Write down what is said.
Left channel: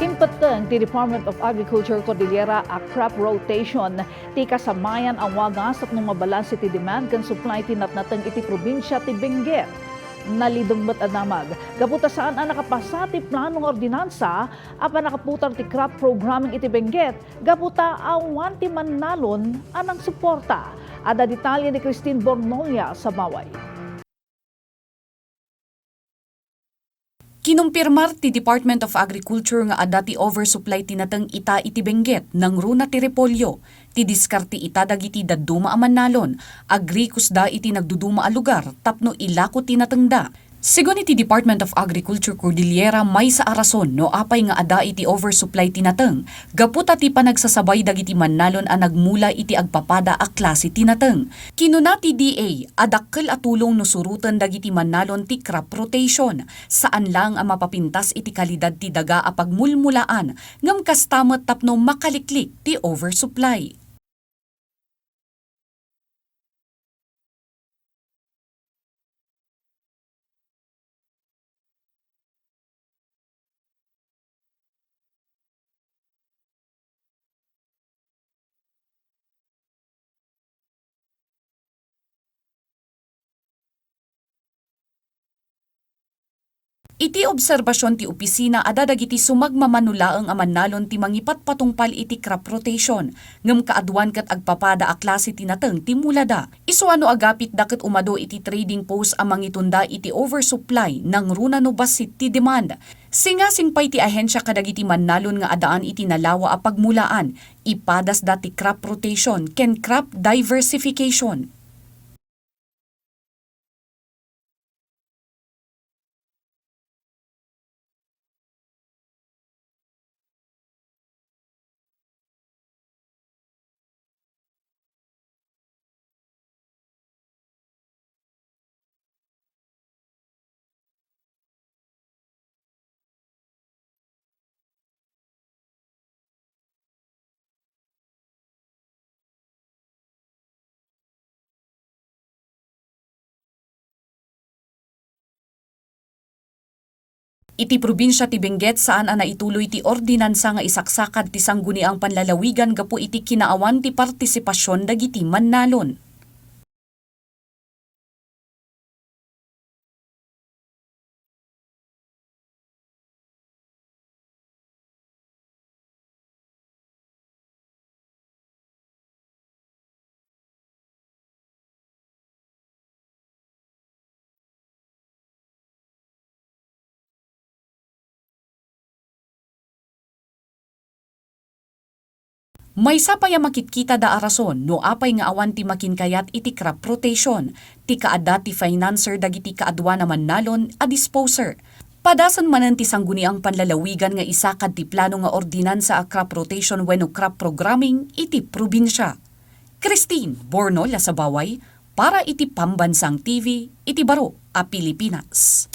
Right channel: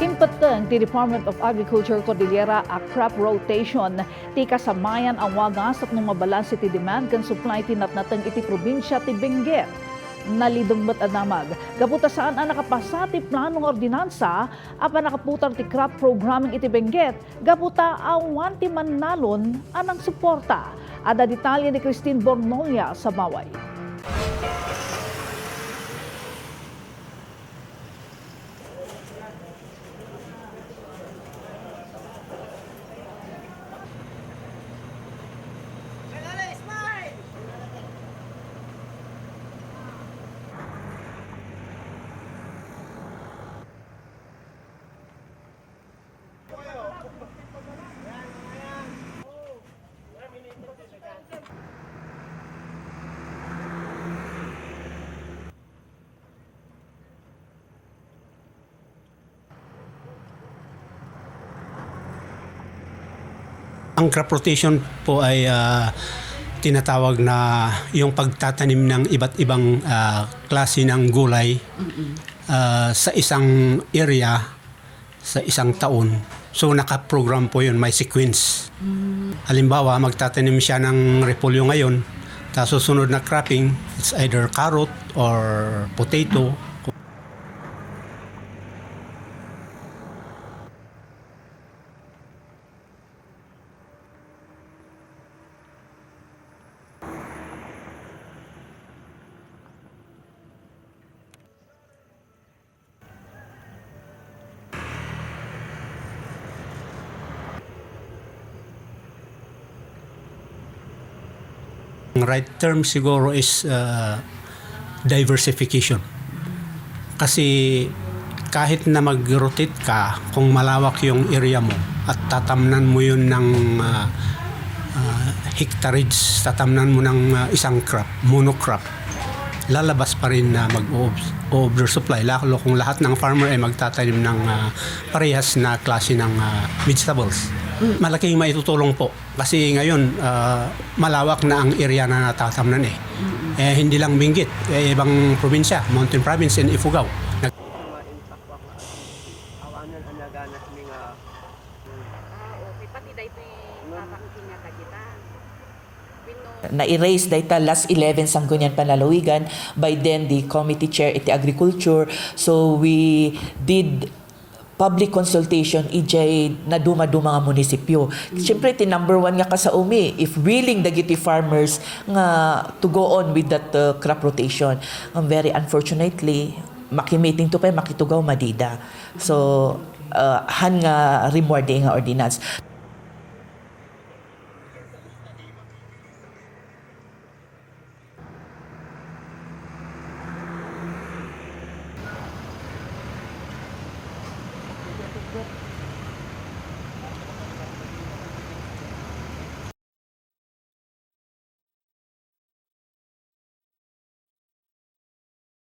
Nakimpateng ti Department of Agriculture Cordillera a crop rotation ti kasamayan ang wagas at nung mabalanse ti demand kan supply ti natnateng iti probinsya ti Benguet. Nalidumbat adamag, gaputa saan ang nakapasa ti planong ordinansa apan nakaputar ti crop programming iti Benguet, gaputa awan ti mannalon anang suporta. Ada detalye ni Christine Bornolla Sabaway. Kinumpirmar ti Department of Agriculture nga ada ti oversupply tinateng ita iti Benguet nang runa ti repolyo. Ti diskarti ita dagiti dadduma a mannalon. Agrikus da iti nagduduma a lugar tapno ilako tinatengda. Sigon iti Department of Agriculture Cordillera may sa arason no apay nga ada iti oversupply tinateng. Gaputa ti panagsasabay dagiti mannalon a nagmula iti agpapada a klase tinateng. Kinuna ti DA adakkel a tulong no surutan dagiti mannalon ti crop rotation. Saan lang ang mapapintas iti kalidad ti daga a pagmulmulaan ngem kastamet tapno makaliklik ti oversupply. Ang crop rotation po ay tinatawag na yung pagtatanim ng iba't ibang klase ng gulay sa isang area, sa isang taon. So naka-program po yun, may sequence. Halimbawa, magtatanim siya ng repolyo ngayon, tapos susunod na cropping, it's either carrot or potato. Iti obserbasyon ti opisina ada dagiti sumagmamanulaeng a mannalon ti mangipat patungpal iti crop rotation. Ngem kaadwan ket agpapada a klase tinateng ti mulada. Isuano agapit daket umado iti trading post a mangitunda iti oversupply nang runa no basit ti demand. Singasingpay ti ahensya kadagiti mannalon nga adaan iti nalawa a pagmulaan. Ipadas dati crop rotation ken crop diversification. Ang right term siguro is diversification. Kasi kahit na mag-rotate ka, kung malawak yung area mo at tatamnan mo yun ng hectarage, tatamnan mo ng isang crop, monocrop, lalabas pa rin na mag-oversupply. Lalo kung lahat ng farmer ay magtatanim ng parehas na klase ng vegetables. Malaking maitutulong po. Kasi ngayon, malawak na ang area na natatamnan hindi lang Benguet, ibang probinsya, Mountain Province and Ifugao. Iti probinsya ti Benguet saan ana ituloy ti ordinansa nga isaksakad ti sangguniang panlalawigan gapu iti kinaawan ti partisipasyon dagiti mannalon. Na-erase data last 11 sanggunian panlalawigan, by then the committee chair iti agriculture, so we did public consultation ijay na duma-duma nga munisipyo. Siyempre, ti number one nga kasaumi, if willing dagiti farmers nga to go on with that crop rotation. Very unfortunately, makimeeting to pa, makitugaw madida. So, han nga remordi nga ordinance. May sapaya makitkita da arason no apay nga awan ti makinkayat iti crop rotation. Ti kaada ti financer dagiti kaadwa na mannalon a disposer. Padasan manan ti sangguniang panlalawigan nga isakad ti plano nga ordinansa a crop rotation wenno crop programming iti probinsya. Christine Bornolla Sabaway para iti Pambansang TV iti Baro a Pilipinas.